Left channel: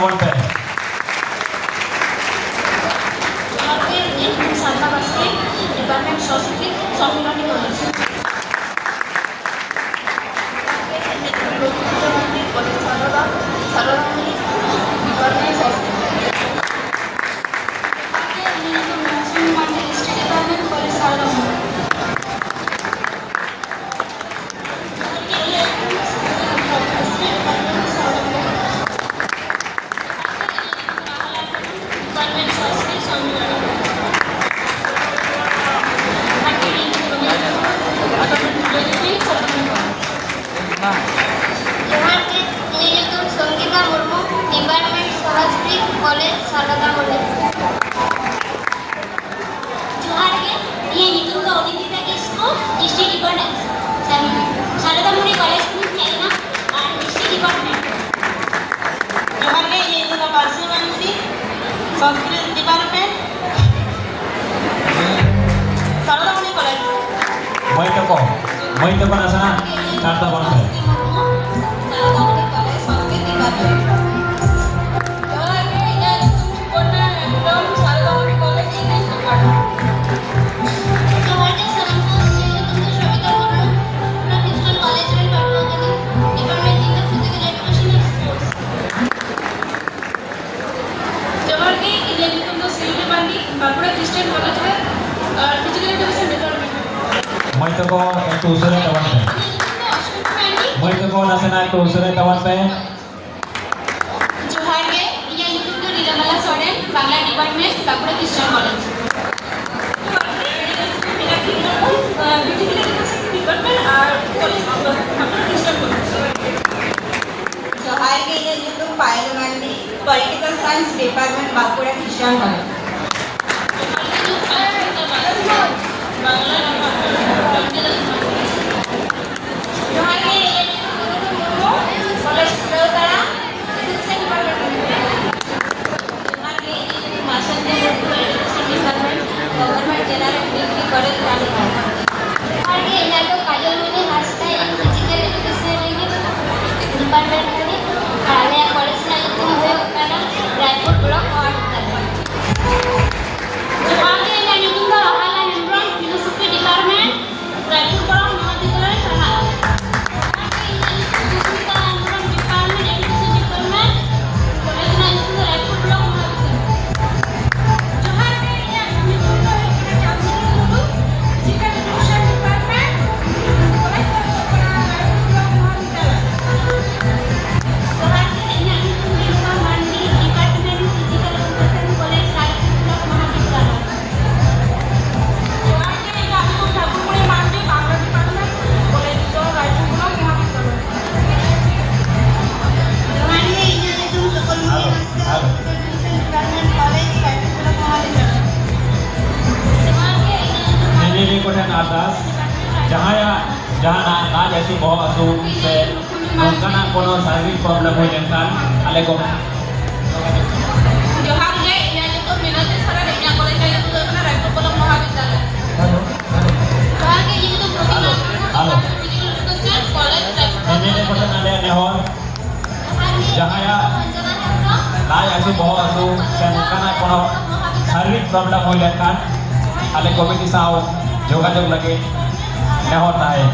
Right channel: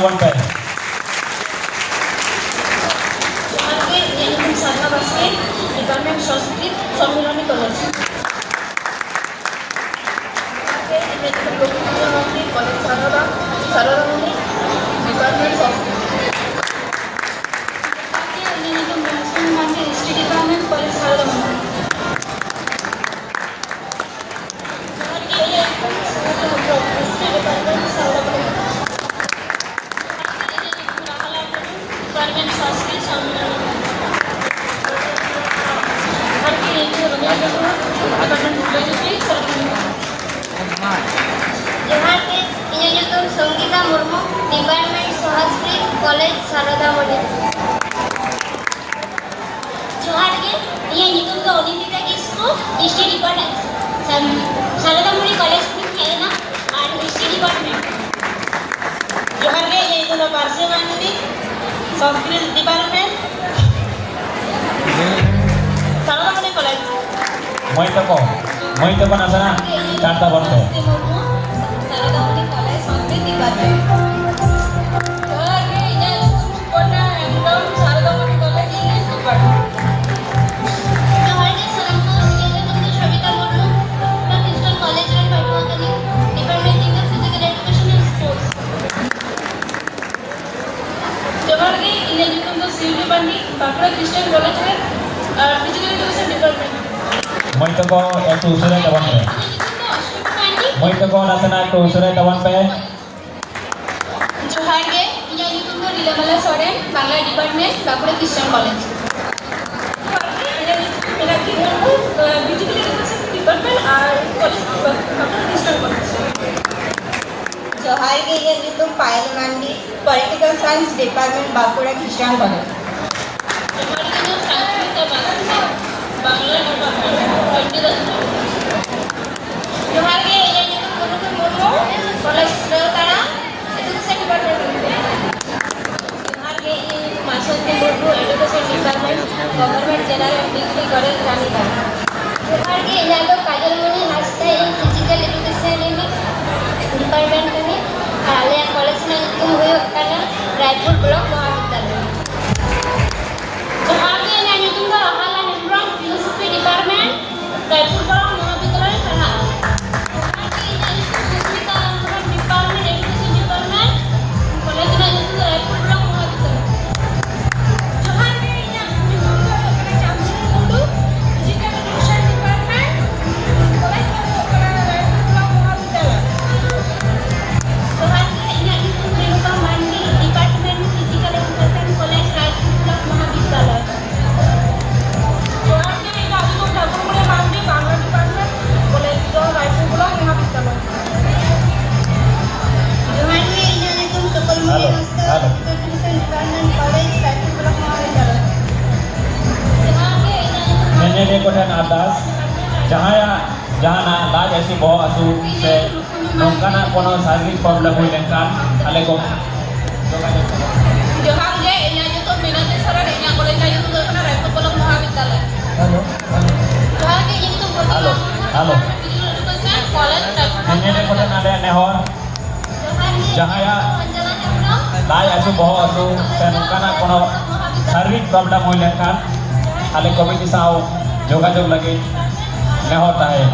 ᱛᱟᱵᱚᱱ ᱯᱮ ডিপার্টমেন্ট সংস্কৃতি সম্মিলনী করেছে Saroramani department history department college Saroramani Sanskrit department Saroramani college মই তো আছে না চারটা বলবে सरोरामणि कॉलेज संस्कृत डिपार्टमेंट মই তো একটু উসরে তখন পে মই তো আছে না একটু উসরে তখন পে जोहार के इया निकुम तो Rilamala Soren Bangla department Bankura Christian college जोहार के इया निकुम Payal Mandi political science department Bankura Christian college Bangla जोहार के इया निकुम कॉलेज रोलकाड़ा एजुकेशन डिपार्टमेंट जोहार के इया निकुम master education department government general degree college Raniganj जोहार के इया को Kajalmani Hasda physical education department में आले कॉलेज में निकुम हुयो काना रायपुर ब्लॉक महाविद्यालय जोहार के इया निकुम तो Rahala Hembram philosophy department Raipur block महाविद्यालय पढ़ा दाग ऐसी बहुत आसू से नौकाना कोनो शारीरिक प्रॉब्लम हुई लेकिन आले को जोहार के इया निकुम मिनती सरा इया कॉलेज में निकुम ना रायपुर ब्लॉक महाविद्यालय जोहार के इया Nikum hello hello education college मैंने को नाले नेहर जहाया दाग ऐसी बहुत आसू से नौकाना कोनो शारीरिक प्रॉब्लम हुई लेकिन आले को भी किसाओ जोगाजोग लगे नेहर ताहे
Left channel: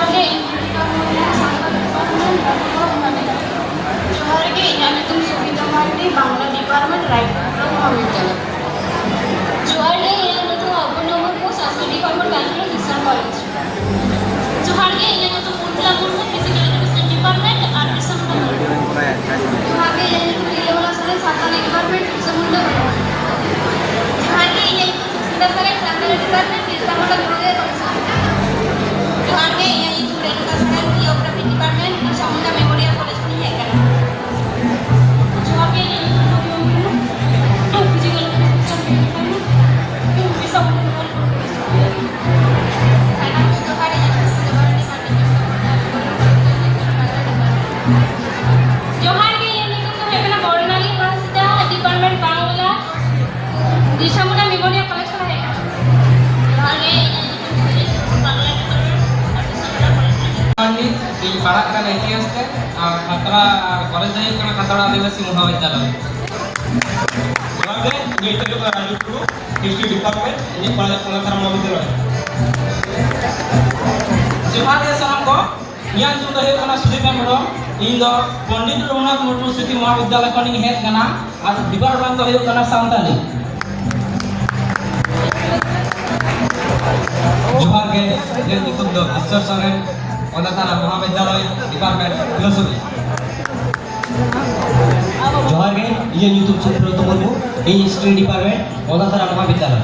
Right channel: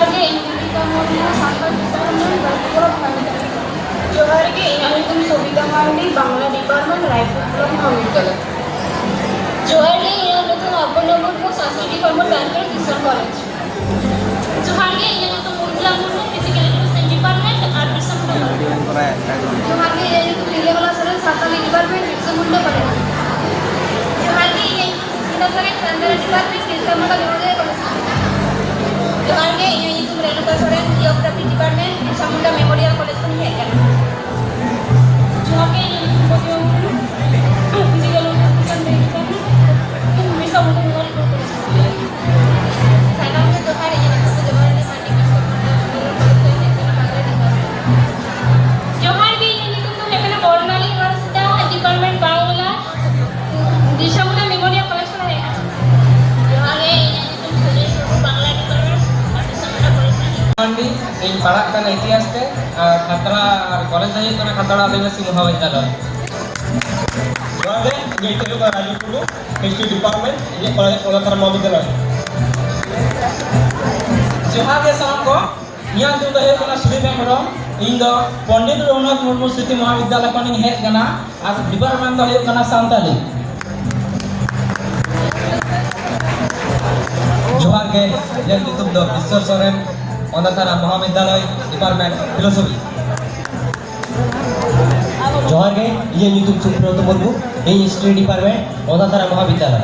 जोहार गे इंजीनियरिंग जोहार गे আমি তুমি সবিতা মান্ডি বাংলা ডিপার্টমেন্ট রায়পুর মহাবিদ্যালয় जोहार गे আমি তো আপন নম্বর সংস্কৃতি কর্মর ব্যাংকের কিশোর কলেজ जोहार गे আমি তো Mangala Mondal physical education department আর কিশোর কলেজ जोहार गे আমি তো লিলেবালা সরে সাঁওতালি ডিপার্টমেন্ট কিশোর কলেজ जोहार गे আমি তো সংস্কৃত সরে সাঁওতালি ডিপার্টমেন্ট কিশোর কলেজ जोहार गे আমি তো রেণুকা সরেন জিওগ্রাফি ডিপার্টমেন্ট কিশোর মেমোরিয়াল কলেজ को है क्या जोहार गे আমি তো ফিজিক্যাল এডুকেশন तो भी सब जोहार गे আমি তো এখানে Barnali Hasda department Bangla Dishamuna memorial college করে जोहार गे বাংলা andi ᱤᱧ ᱯᱟᱲᱦᱟᱜ ᱠᱟᱱᱟ ᱤᱛᱤᱦᱟᱥ ᱛᱮ ᱠᱷᱟᱛᱲᱟ ᱠᱚᱞᱮᱡᱽ ᱫᱚ ᱦᱩᱭᱩᱜ ᱠᱟᱱᱟ ᱠᱷᱟᱛᱲᱟ ᱟᱹᱫᱤᱵᱟᱹᱥᱤ ᱢᱚᱦᱟᱵᱤᱫᱽᱫᱟᱞᱚᱭ जोहार गे ये इतने को राजू टुडू हिस्ट्री डिपार्टमेंट ये कॉलेज ओलाथारा महाविद्यालय जोहार गे सानam ko ᱤᱧᱟᱹᱜ ᱧᱩᱛᱩᱢ ᱫᱚ ᱦᱩᱭᱩᱜ ᱠᱟᱱᱟ ᱥᱩᱫᱤᱯ ᱦᱮᱢᱵᱨᱚᱢ ᱤᱧ ᱫᱚ ᱯᱚᱱᱰᱤᱛ ᱨᱚᱜᱷᱩᱱᱟᱛᱷ ᱢᱩᱨᱢᱩ ᱥᱨᱤᱛᱤ ᱢᱚᱦᱟᱵᱤᱫᱽᱫᱟᱞᱚᱭ ᱠᱷᱚᱱᱤᱧ ᱦᱮᱡ ᱠᱟᱱᱟ ᱟᱨ ᱰᱤᱯᱟᱨᱴᱢᱮᱱᱴ ᱫᱚ ᱦᱩᱭᱩᱜ ᱠᱟᱱᱟ ᱥᱟᱱᱛᱟᱞᱤ जोहार गे ᱤᱧᱟᱹᱜ ᱧᱩᱛᱩᱢ ᱫᱚ ᱵᱤᱥᱥᱚᱨ ᱥᱚᱨᱮᱱ ओलाथारा महाविद्यालय डिपार्टमेंट फिलोसफी जोहार गे ये ᱧᱩᱛᱩᱢ सुब्रत मुर्मू इन हिस्ट्री डिपार्टमेंट ओलाथारा महाविद्यालय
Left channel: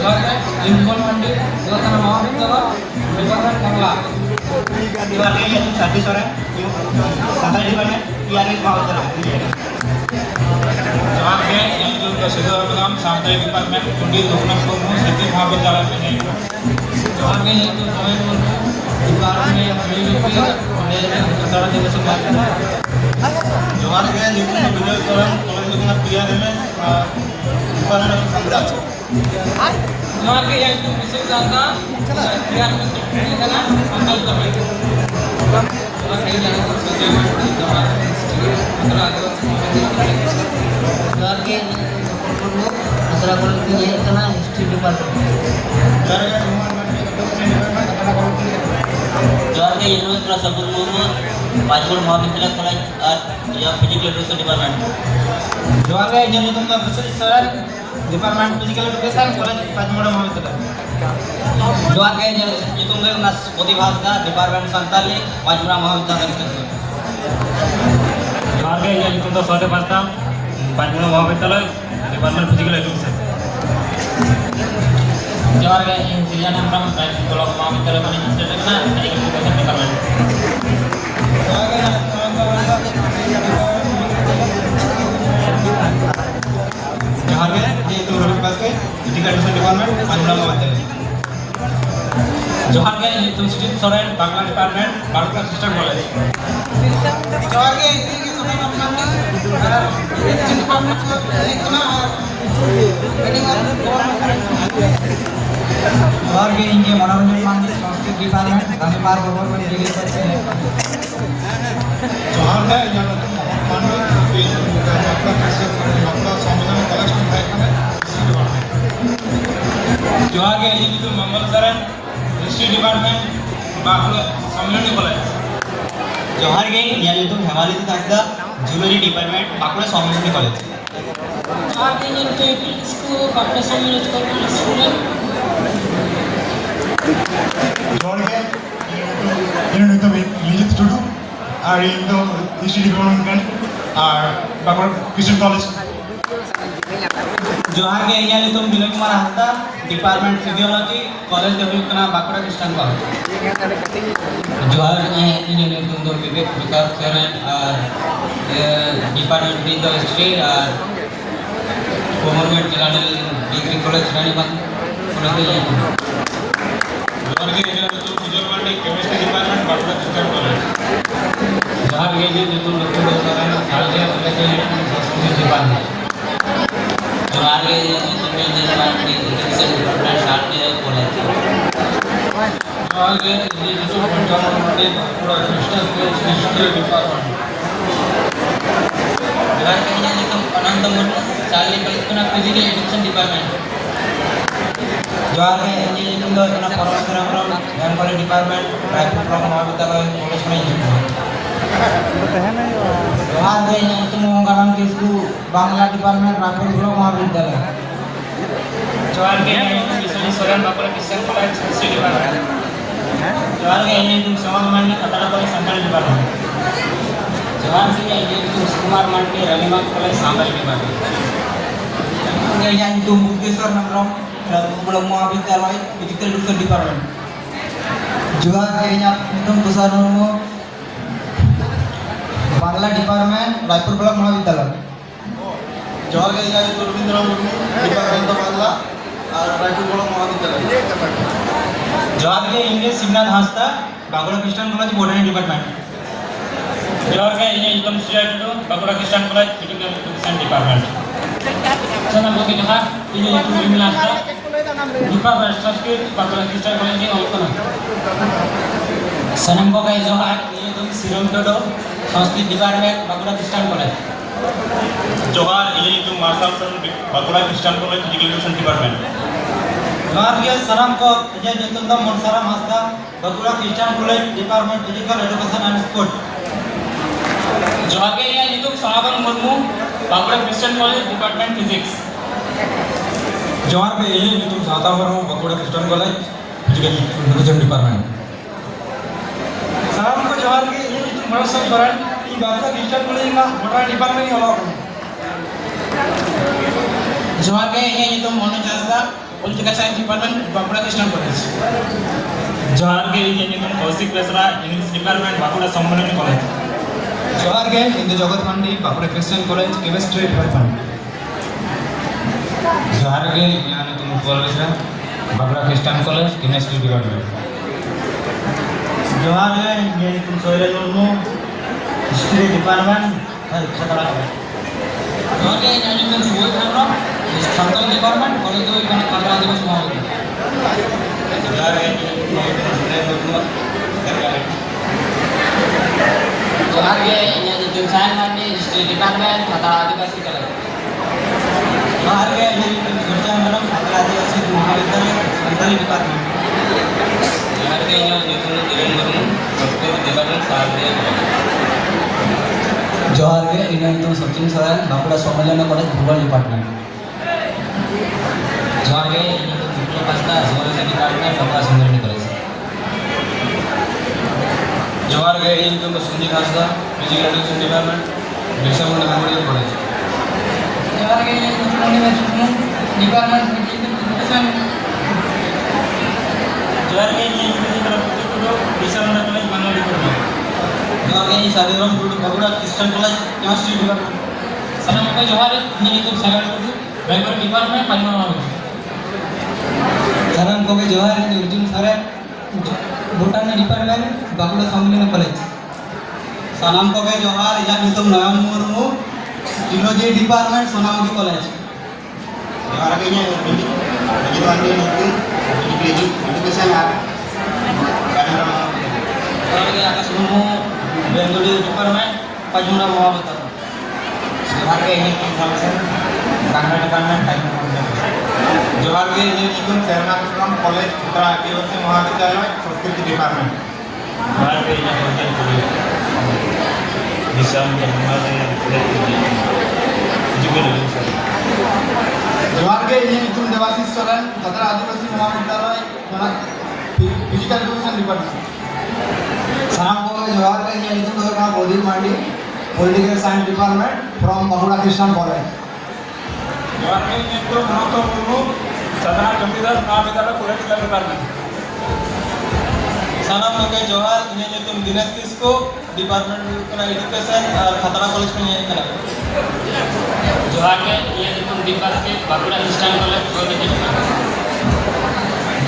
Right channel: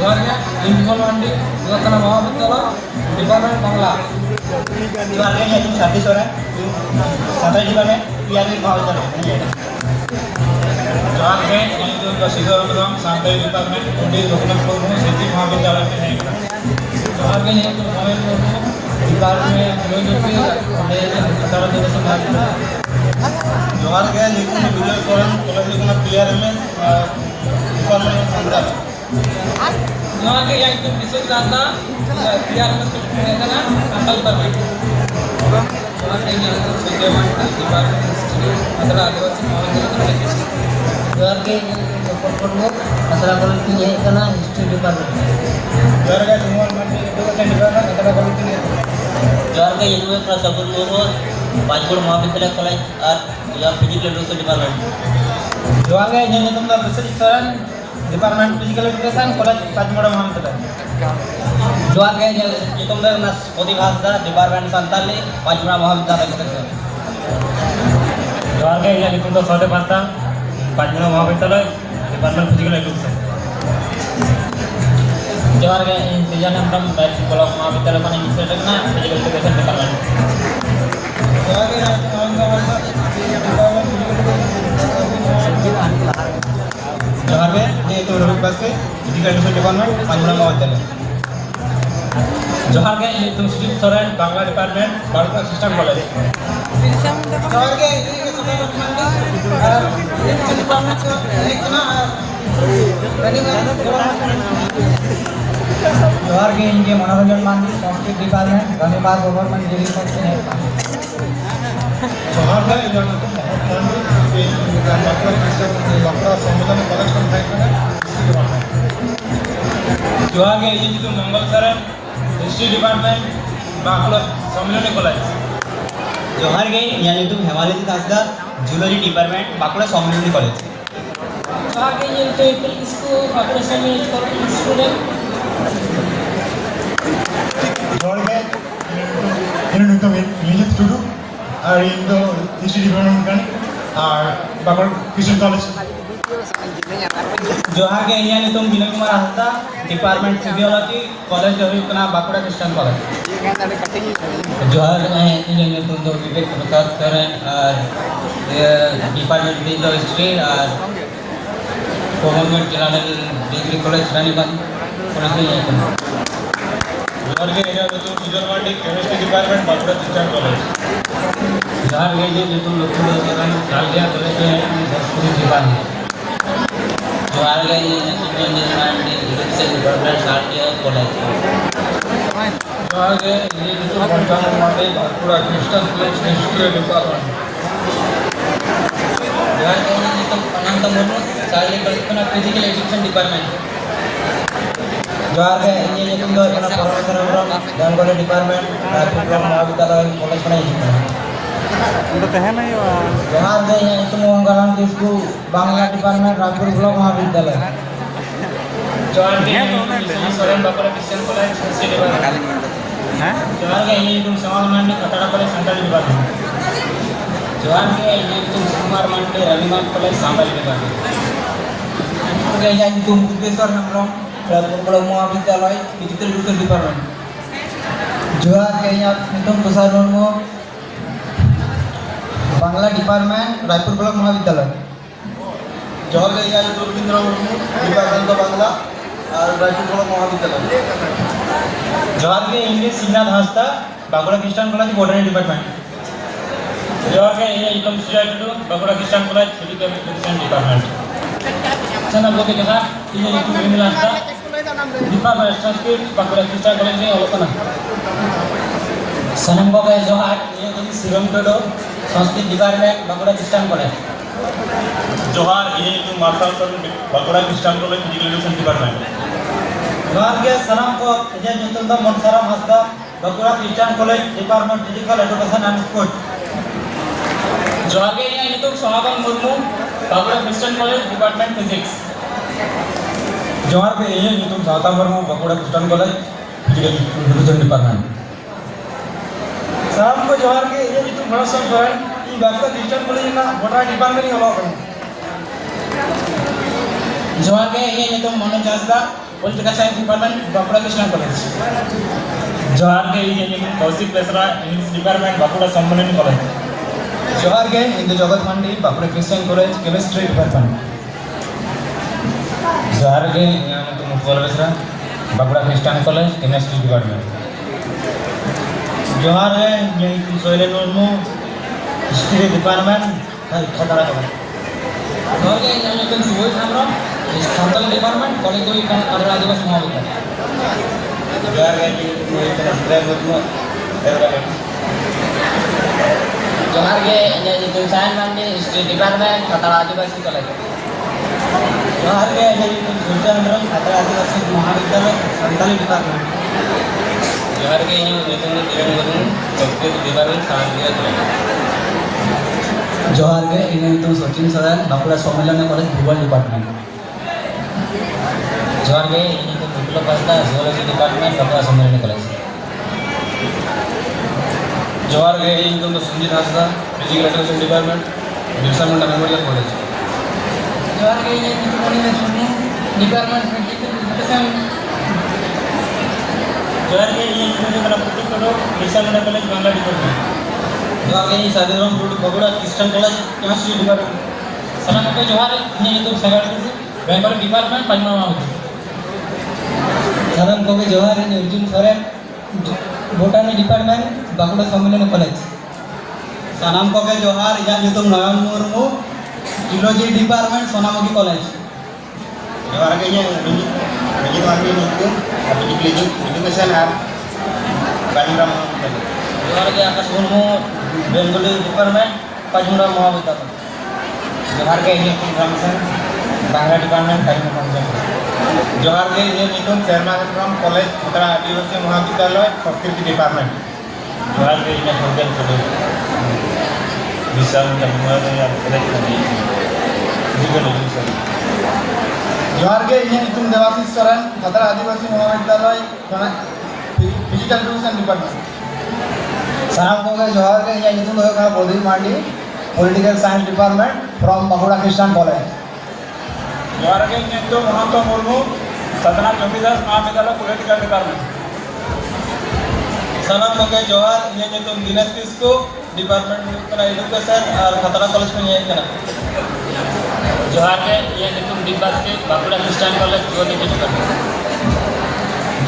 जोहार गे ᱤᱧ ᱡᱚᱱ ᱢᱟᱱᱰᱤ ओलाथारा महाविद्यालय डिपार्टमेंट बांग्ला जोहार गे ये साथी सोरेन सांताली डिपार्टमेंट टीआरएस महाविद्यालय जोहार गे ये जो सिद्धो हेमब्रम सांताली डिपार्टमेंट पंडित रघुनाथ मुर्मू स्मृति महाविद्यालय में है जोहार गे ᱤᱧ ᱧᱩᱛᱩᱢ ᱥᱚᱢᱮᱨ मुर्मू डिपार्टमेंट फिलोसफी कॉलेज खतड़ा आदिबासी महाविद्यालय जोहार गे ᱧᱩᱛᱩᱢ ᱫᱚ বিজয় সোরেন কলেজ ᱠᱟᱱᱟ टीआरएस डिपार्टमेंट बांग्ला जोहार गे ᱤᱧᱟᱹᱜ ᱧᱩᱛᱩᱢ ᱵᱤᱥᱩ ᱫᱟᱥᱫᱟ ᱯᱤᱭᱟᱨ ᱢᱮᱥᱤ ᱠᱟᱱᱟ ᱥᱟᱱᱛᱟᱞ ᱯᱟᱨᱢᱮᱱᱴ जोहार गे ᱤᱧᱟᱹᱜ ᱧᱩᱛᱩᱢ ᱥᱩᱡᱚᱭ ᱢᱟᱱᱰᱤ डिपार्टमेंट हिस्ट्री खतड़ा आदिबासी महाविद्यालय जोहार गे ᱤᱧᱟᱹᱜ ᱧᱩᱛᱩᱢ ᱫᱚ मुर्मू खतड़ा कॉलेज की है कना हिस्ट्री डिपार्टमेंट जोहार गे Mohan Mandi education department Khatra college जोहार गे university of Sabul Murmu Bajpur महाविद्यालय कॉलेज और या फिजिकल एजुकेशन डिपार्टमेंट जोहार गे ᱤᱧᱟᱹᱜ ᱧᱩᱛᱩᱢ ᱫᱚ Biswajit Soren department physical education college Panchmura महाविद्यालय जोहार गे nyutum do nas Poti Bhasda department Santali Bajpur महाविद्यालय कॉलेज जोहार गे ये निकुल तो सौदे पास्ता पाँचमोड़ा महाविद्यालय डिपार्टमेंट फिजिकल एजुकेशन जोहार गे ᱤᱧ ᱥᱩᱡᱟᱱᱟᱱᱫᱚᱢ ब्लॉक महाविद्यालय ᱠᱷᱚᱱᱤᱧ ᱥᱮᱴᱮᱨ ᱟᱠᱟᱱᱟ फिजिकल एजुकेशन डिपार्टमेंट जोहार गे जोहार गे ये तो Rohit Baske physical education department Panchmura Mahavidyalaya जोहार गे ये Nikul Sudip Soren Bangla department Bankura Christian college जोहार गे ये सुबह मांडी और हिस्ट्री डिपार्टमेंट को एक ना जोहार गे इनके मनोरंजन मांडी संस्कृत डिपार्टमेंट धन्यवाद गवर्नमेंट डिग्री कॉलेज जोहार गे यहाँ तो मांडी बांकुड़ा सम्मेलन कॉलेज को भाई खाने जोहार गे ये निकुल मंगल सोरेन हिस्ट्री डिपार्टमेंट बांकुड़ा सम्मेलन कॉलेज जोहार गे यहाँ तो हेमालित हासदा ज्वेलरी डिपार्टमेंट बांकुड़ा सम्मेलन कॉलेज जोहार गे ᱤᱧ ᱧᱩᱛᱩᱢ ᱤᱯᱤᱞ ᱠᱤᱥᱠᱩ ᱵᱟᱸᱠᱩᱲᱟ ᱥᱚᱢᱢᱮᱞᱚᱱ कॉलेज स्टूडेंट जोहार गे ᱤᱧ ᱧᱩᱛᱩᱢ ᱢᱤᱡᱤᱛ ᱴᱩᱰᱩ ᱟᱨ ᱤᱧ ᱫᱚ ᱦᱤᱥᱴᱨᱤ ᱰᱤᱯᱟᱨᱴᱢᱮᱱᱴ ᱠᱟᱱᱟ ᱟᱨ ᱵᱟᱸᱠᱩᱲᱟ क्रिश्चियन कॉलेज जोहार गे यहाँ नितुम Vinay Kumar Hasda department physiology college दो हुई कना बांकुड़ा क्रिश्चियन कॉलेज जोहार गे ᱤᱧᱟᱹᱜ ᱧᱩᱛᱩᱢ ᱫᱚ विवेक प्रकाश सोरेन और डिपार्टमेंट दो हिस्ट्री और government general degree college Ranibag college में जोहार गे ये निकुल Sujay Mandi chemistry department Bankura Christian college जोहार गे ᱤᱧᱟᱹᱜ ᱧᱩᱛᱩᱢ ᱞᱚᱠᱠᱷᱤ ᱥᱚᱨᱮᱱ ᱥᱟᱞᱜᱮ कॉलेज में संस्कृत डिपार्टमेंट जोहार गे ᱤᱧᱟᱹᱜ ᱧᱩᱛᱩᱢ engineer Mandi education department Saradiya college जोहार गे ये निकुल Panchanan Mandi Bankura Christian college history department जोहार गे ᱤᱧᱟᱹᱜ ᱧᱩᱛᱩᱢ ᱚᱱᱚᱱᱛᱚ ᱢᱩᱨᱢᱩ ᱥᱟᱞᱜᱮ कॉलेज ᱠᱷᱚᱱᱟᱜ फिजिकल एजुकेशन डिपार्टमेंट जोहार के इᱧ nyutum do kana Paramaeswar Hembrом Bengali Department Raipur Block Mahavidyalaya College kana hijuk kana जोहार के इᱧ nyutum Ganggalang Kisku Bangla Department Raipur Block Mahavidyalaya जोहार के इᱧ nyutum Biswajit Soren Baঁকুড়া Christian College History Department जोहार के इᱧ nyutum Samal Mandi Khatara College Santali Department जोहार के इᱧ nyutum Sukumar Mandi Raghunatha College Sambal Department के इᱧ nyutum Buddheswar Hembrом Raipur Block Mahavidyalaya Physical Education Department जोहार के इᱧ nyutum Tushar Murmu Bangla Department Raipur Block Mahavidyalaya जोहार के इᱧ रवींद्र मुर्मू डिपार्टमेंट ऑफ बांग्ला और रायपुर ब्लॉक महाविद्यालय जोहार के English Shivnath Hansda Bankura Christian college botany department जोहार के इᱧ nyutum Sujay Tudu Bankura Christian college physical education department sana bote johan iᱧ nyutum Rimil Haᱸsদা department Sanskrit Bankura Christian college ni olok kana sanam bote johan iᱧ nyutum Sirom Tudu Sanskrit department Bankura Christian college जोहार इᱧ nyutum Marshal Saran Bankura Christian college physical education department जोहार के सलाम को इᱧ nyutum do Monsaram Haᱸsদা Bankura Christian college department physical education and sport जोहार के इᱧ nyutum Sahaban Murmu Bankura Christian college department physics जोहार के इᱧ nyutum Sawta Murmu Bankura Christian college physical education department सलाम को जोहार के इᱧ nyutum Horosham Soren ᱤᱧ बांकुड़ा क्रिश्चियन कॉलेज ना botany department ni olok kana जोहार के इᱧ nyutum Manoj Haᱸsদা political science department Bankura Christian college जोहार के इᱧ nyutum Kaushik Besra English department Bankura सम्माननी कॉलेज जोहार के Indu Jagat Mandi Bankura Christian college chemistry department जोहार के इᱧ nyutum Utpal Besra Bankura Christian college chemistry department जोहार के इᱧ nyutum Soilal Murmu history department Khatra college जोहार के इᱧ nyutum Suhib Hembrом Santali department college दो kana Kadra Adivasi Mahavidyalaya जोहार के इᱧ nyutum Sujay Murmu जोहार के इᱧ nyutum Sayan Mandi history department Khatra Adivasi college जोहार के इᱧ nyutum Surya Hembrом Kadra Adivasi Mahavidyalaya Santali department जोहार के इᱧ nyutum Kiran Murmu Sanskrit department Saradiya college जोहार के इᱧ nyutum Sachin Soren बांकुड़ा सम्मेलन कॉलेज भूगोल डिपार्टमेंट जोहार के इᱧ nyutum Biplop Haᱸsদা जियोलॉजी डिपार्टमेंट बांकुड़ा सम्मेलन कॉलेज जोहार के इᱧ nyutum Sunjit Haᱸsদা physical education department Birsa Munda memorial college जोहार के इᱧ nyutum Animesh Murmu department physical education जोहार के इᱧ nyutum Putu Tudu Birsa Munda college Bangla department जोहार के इᱧ Sadevram Tudu Bankura Christian college chemistry department सलाम को जोहार इᱧ nyutum Sagar Tudu Bengal department Palma महाविद्यालय सलाम को जोहार इᱧ अर्जुन सोरेन बोटानी डिपार्टमेंट बांकुड़ा सम्मेलन कॉलेज सलाम को जोहार इᱧ nyutum Nayan Murmu geology department Sonamukhi college जोहार के इᱧ Ranjit Mardi nyutum physical education और गाजीपुर महाविद्यालय जोहार के आकाश मुर्मू बेंगली डिपार्टमेंट पचमुड़ा महाविद्यालय जोहार के इᱧ nyutum Ramsen Bangla department Palma महाविद्यालय जोहार के इᱧ nyutum Sharma Hembrом कॉलेज खतरा आदिवासी महाविद्यालय संस्कृत डिपार्टमेंट जोहार के इᱧ Sunjay Tudu Birsa Munda memorial college physical education जोहार के इᱧ nyutum देवाशीष सोरेन खतरा आदिवासी महाविद्यालय फिजिकल एजुकेशन डिपार्टमेंट सलाम को जोहार के इᱧ nyutum Pradip Mandi political science department from Bankura Christian college जोहार के इᱧ nyutum Ananto Murmu सतना ज्योतिदास महाविद्यालय पॉलिटिकल डिपार्टमेंट सलाम को जोहार इᱧ nyutum Dinesh Kisku department kana education और खतरा कॉलेज को इᱧ kana जोहार के इᱧ nyutum Dipas के Bankura Christian college geology department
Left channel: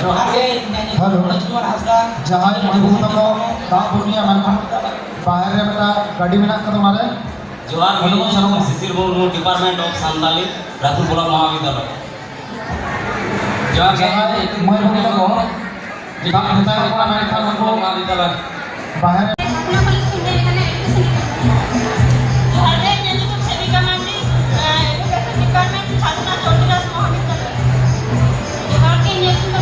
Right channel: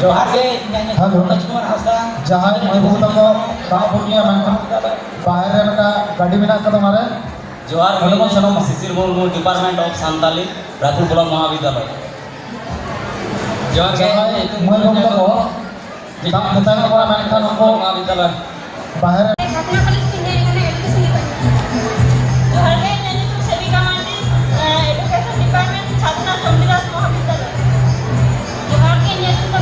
जोहार के इᱧ nyutum Rajkumar Haᱸsদা जहाँ महबूबा को गाँव भूमिया मनखा बाहर बेटा गाड़ी में ना कदम मारे जोहार के इᱧ Shishir Murmu department of Santali Raipur block महाविद्यालय जोहार के महबूबा को गाँव बताया बड़ा मनखा उनको महाविद्यालय बाहर Bakulak College India kana education department जोहार के इᱧ nyutum Sevika Mandi education department Sadhana Chandidas Mahavidyalaya जोहार के इᱧ nyutum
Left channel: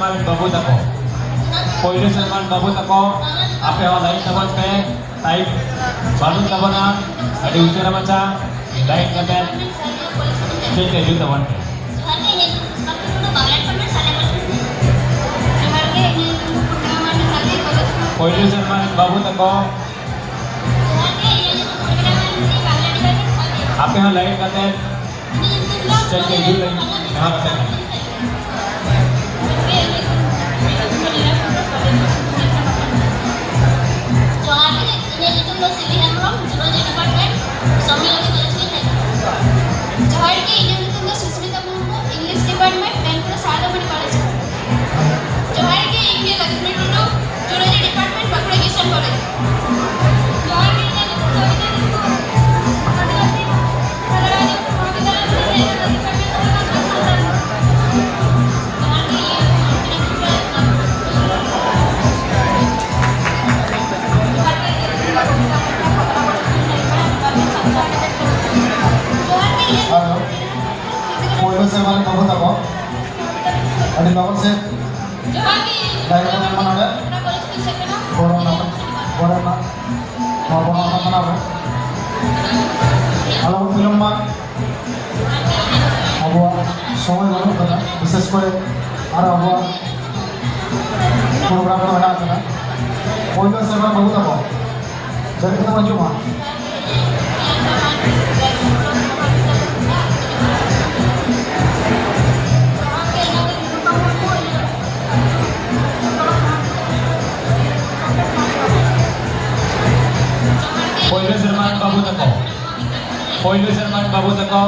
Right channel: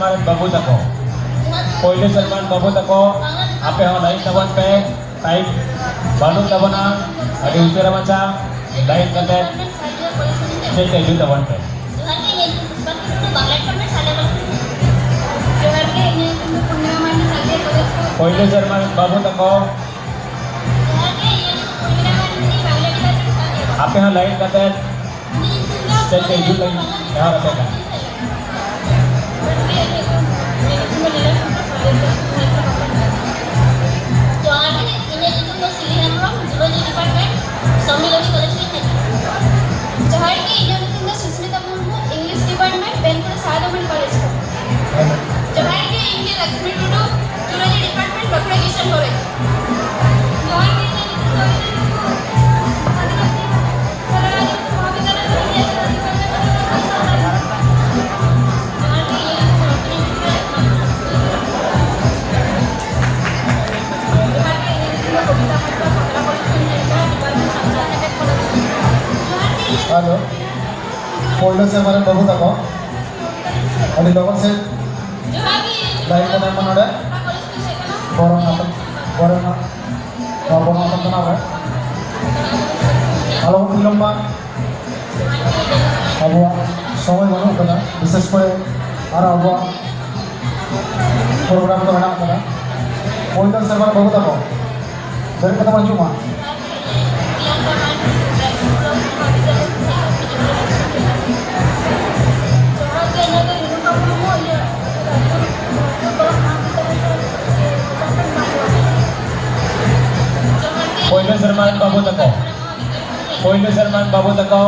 serman babu tako. Pwede serman babu tako. Ape ho lain tabon pe. Time banun tabona. Adi usira macam lain kaget. State edu tabon pe. Pwede serman babu tako. Ape ho lain kaget. State edu lagi. Kehar apa kan? Halo, polda serman babu tako. Adi lokal se lain teman teman ada. Borong apa? Apa? Kalau film mah, abu সময় মনে কথা বিশেষ করে আর Abu program ko anak kada. Polda serman babu tako. Dari kita maju mah. Pwede serman babu tako. Pwede serman babu tako.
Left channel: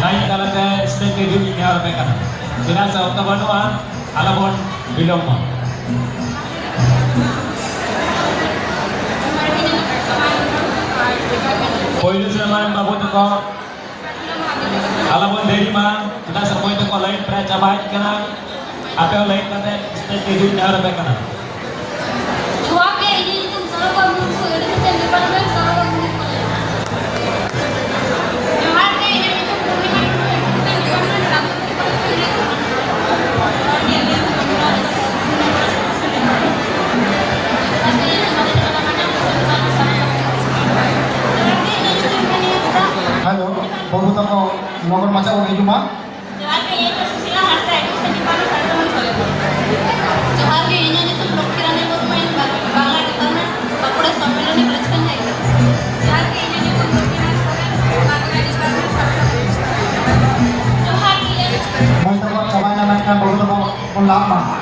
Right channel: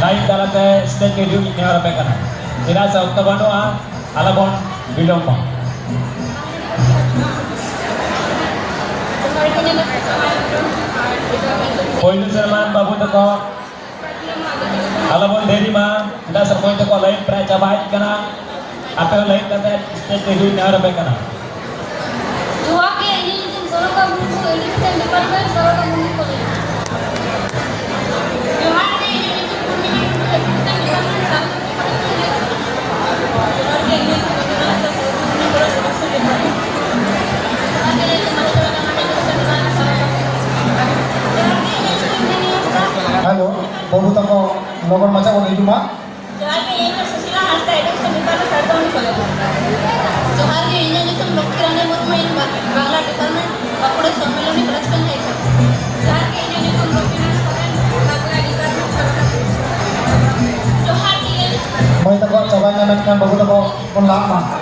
Lain dalam ke state edu ni harap kan. Tidak seukta banua alapon biloma. Pwede serman babu tako. Alapon deri ma tidak sepoin tako lain peraca baik kana. Apa lain kata state edu ni harap kan. Halo, babu tako logon macam orang itu mah. Mau tako cabai nanak kan babu tako pun lama.